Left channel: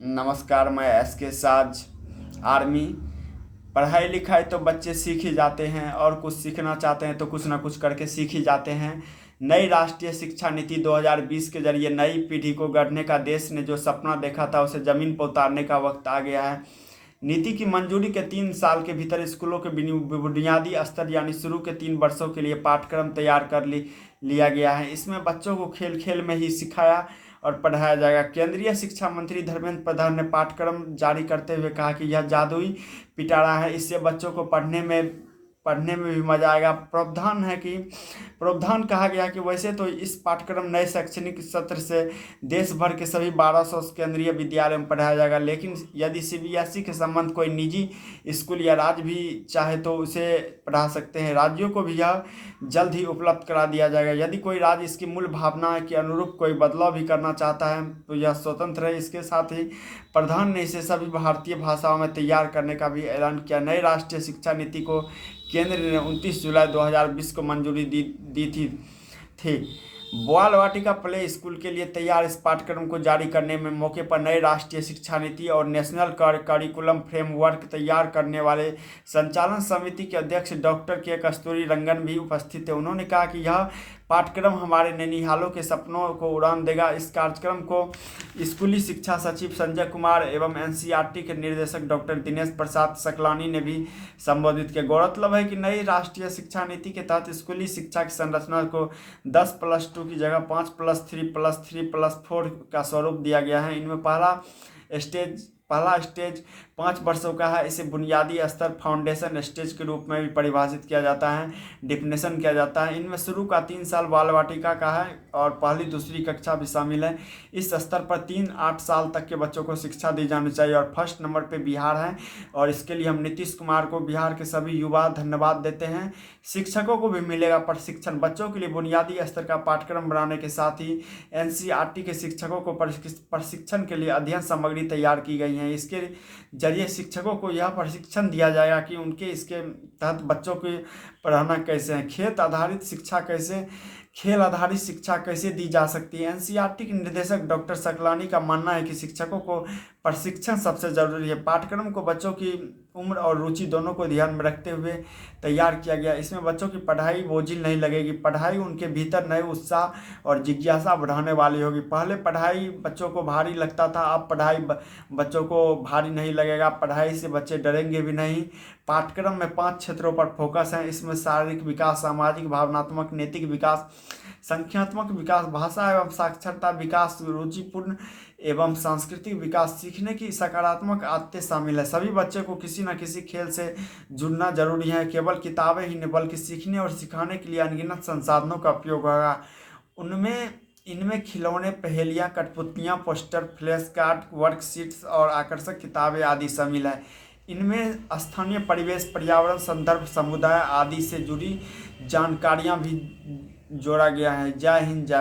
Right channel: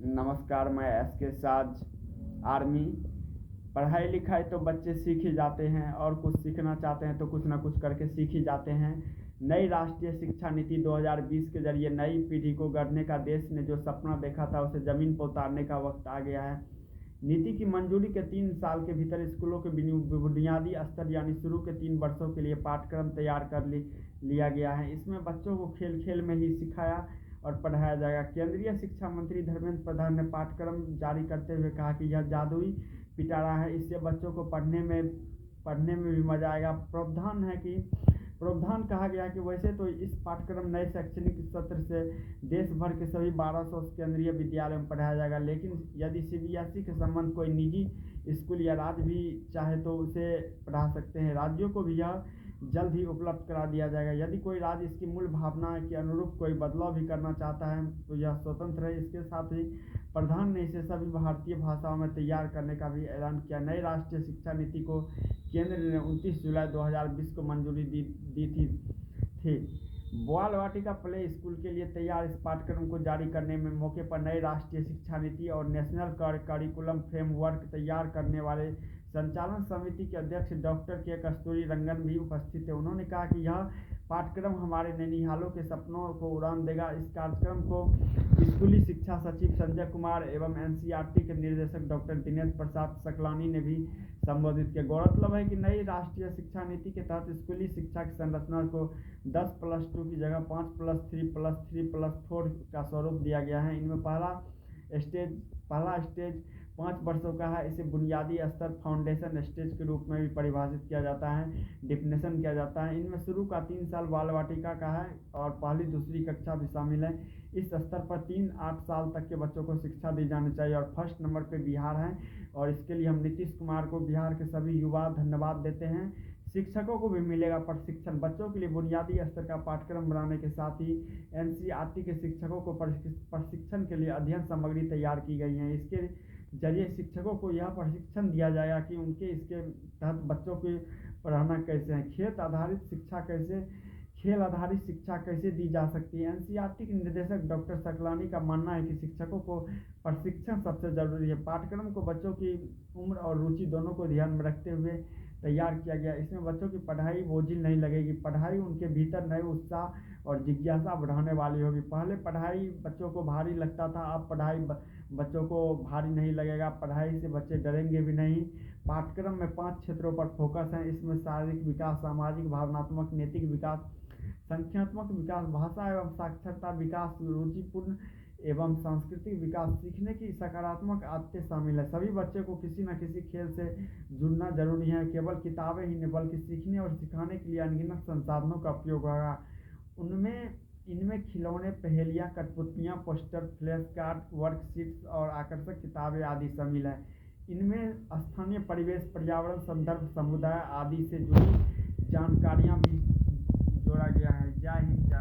नमस्कार, मैं एसके साज आर्मी। पढ़ाई लिखाई तो बच्चे सीख ही जाते हैं और कुछ सीखना चाहते हैं तो कुछ ना कुछ करके सीख ही जाते हैं। नई राष्ट्रीय शिक्षा नीति 2020 के जरिए नई पीढ़ी को गढ़ने का देश ने जो सपना देखा था उसे ज़मीन पर उतारने का वक्त आ गया है। नीति की मंजूरी के 3 साल के भीतर स्कूलों के बुनियादी स्तर यानी शुरू के 3 वर्षों के लिए पाठ्यक्रम तैयार कर लिया गया है। इसमें बच्चों को खेल खेल में ही सिखाया और पढ़ाया जाएगा। केंद्रीय शिक्षा मंत्री धर्मेंद्र प्रधान ने पाठ्यक्रम जारी करते हुए कहा कि यह जादुई पिटारा है, इससे बच्चों को पढ़ने में भी मजा आएगा। प्रावधान कहा गया कि वैसे तो इस पाठ्यक्रम नए शैक्षणिक सत्र से देश भर के सभी 1200 केंद्रीय विद्यालयों में पढ़ाया जाएगा, लेकिन यदि सीबीएसई के संबंध कोई निजी स्कूल या राज्य भी चाहे तो उसे पढ़ा सकते हैं। राज्यों को भी यह जल्द ही उपलब्ध करा दिया जाएगा। यदि कोई राज्य इसकी मूल भावना के अनुरूप कोई बदलाव भी करना चाहता है तो यह स्वतंत्र है। इसके साथ ही प्रधान ने इसे सभी भारतीय भाषाओं में तैयार करने का भी ऐलान किया। नई राष्ट्रीय शिक्षा नीति को केंद्र ने 29 जुलाई 2020 को मंजूरी दी थी। बाल वाटिका प्ले स्कूल के लिए तैयार इस पाठ्यक्रम को जारी करने में मौके पर नई राष्ट्रीय शिक्षा नीति और नेशनल करिकुलम फ्रेमवर्क तैयार करने वाले संचालन समिति के अध्यक्ष डॉक्टर के कस्तूरी रंगन भी उपस्थित थे। उन्होंने कहा कि यह पाठ्यक्रम हमारे नैनीहालों के सपनों को उड़ान देगा। इस कार्यक्रम को स्कूली शिक्षा सचिव संजय कुमार एवं एनसीईआरटी के निर्देशक डॉक्टर दिनेश प्रसाद सकलानी ने भी संबोधित किया। गौरतलब है कि नई राष्ट्रीय शिक्षा नीति के तहत स्कूली शिक्षा की संरचना को 10+2 की जगह 5+3+3+4 का स्वरूप दिया गया है। इनमें पहला स्टेज 5 वर्षों का है। इसे बुनियादी स्तर फाउंडेशन स्टेज के रूप में भी परिभाषित किया जाता है, डिफिनेशन किया जाता है। इनमें शुरू का 3 साल बाल वाटिका का है और पहली दूसरी कक्षा भी शामिल है। इस स्तर पर 3-8 साल तक के बच्चों को शिक्षा दी जानी चाहिए और फर्स्ट नंबर पे बिहार है और इसके लिए हम नीतीश कुमार को, बिहार के सभी युवा धन्यवाद देते हैं। शिक्षकों को भी मिलेगा प्रशिक्षण। बच्चों के लिए बुनियादी स्तर का पाठ्यक्रम बनाने के साथ ही एनसीईआरटी के शिक्षकों को प्रशिक्षण के लिए अध्ययन सामग्री तैयार की गई है। इसके जरिए शिक्षकों को यह प्रशिक्षण दिया जाएगा कि उनके इसके तहत बच्चों को पढ़ाना कैसे है, खेल आधारित शिक्षा कैसे दी जा सकती है। एनसीईआरटी के निर्देशक डॉक्टर सकलानी का मानना है कि शिक्षकों को प्रशिक्षण सबसे जरूरी है। पाठ्यक्रम को बच्चों की उम्र और रुचि दोनों को ध्यान में रखते हुए तैयार किया गया। इसमें बच्चों की पढ़ाई बोझिल नहीं लगेगी। पढ़ाई उनके भीतर नए उत्साह और जिज्ञासा बढ़ाने वाली होगी। पहले पढ़ाई बच्चों को भारी लगता था, अब पढ़ाई बच्चों को भारी नहीं लगेगा। पढ़ाई से बच्चे डरेंगे भी नहीं। पाठ्यक्रम में 5 क्षेत्रों पर फोकस है। इसमें शारीरिक विकास, सामाजिक, भावनात्मक, नैतिक विकास, संख्यात्मक विकास, भाषा एवं साक्षरता विकास, रुचिपूर्ण एवं सांस्कृतिक विकास, सीखने की सकारात्मक आदतें शामिल है। सभी बच्चे को किसी न किसी खेल से जुड़ना जरूरी है। केवल किताबें ही नहीं बल्कि सीखने और सिखाने के लिए अनगिनत संसाधनों का उपयोग होगा। इनमें खिलौने, पहेलियाँ, कठपुतलियाँ, पोस्टर, फ्लैश कार्ड, वर्कशीट्स और आकर्षक किताबें आदि शामिल है। इनमें स्थानीय परिवेश, पर्यावरण, संदर्भ, समुदाय आदि से जुड़ी जानकारियाँ भी जोड़ा गया है। जय हिंद, जय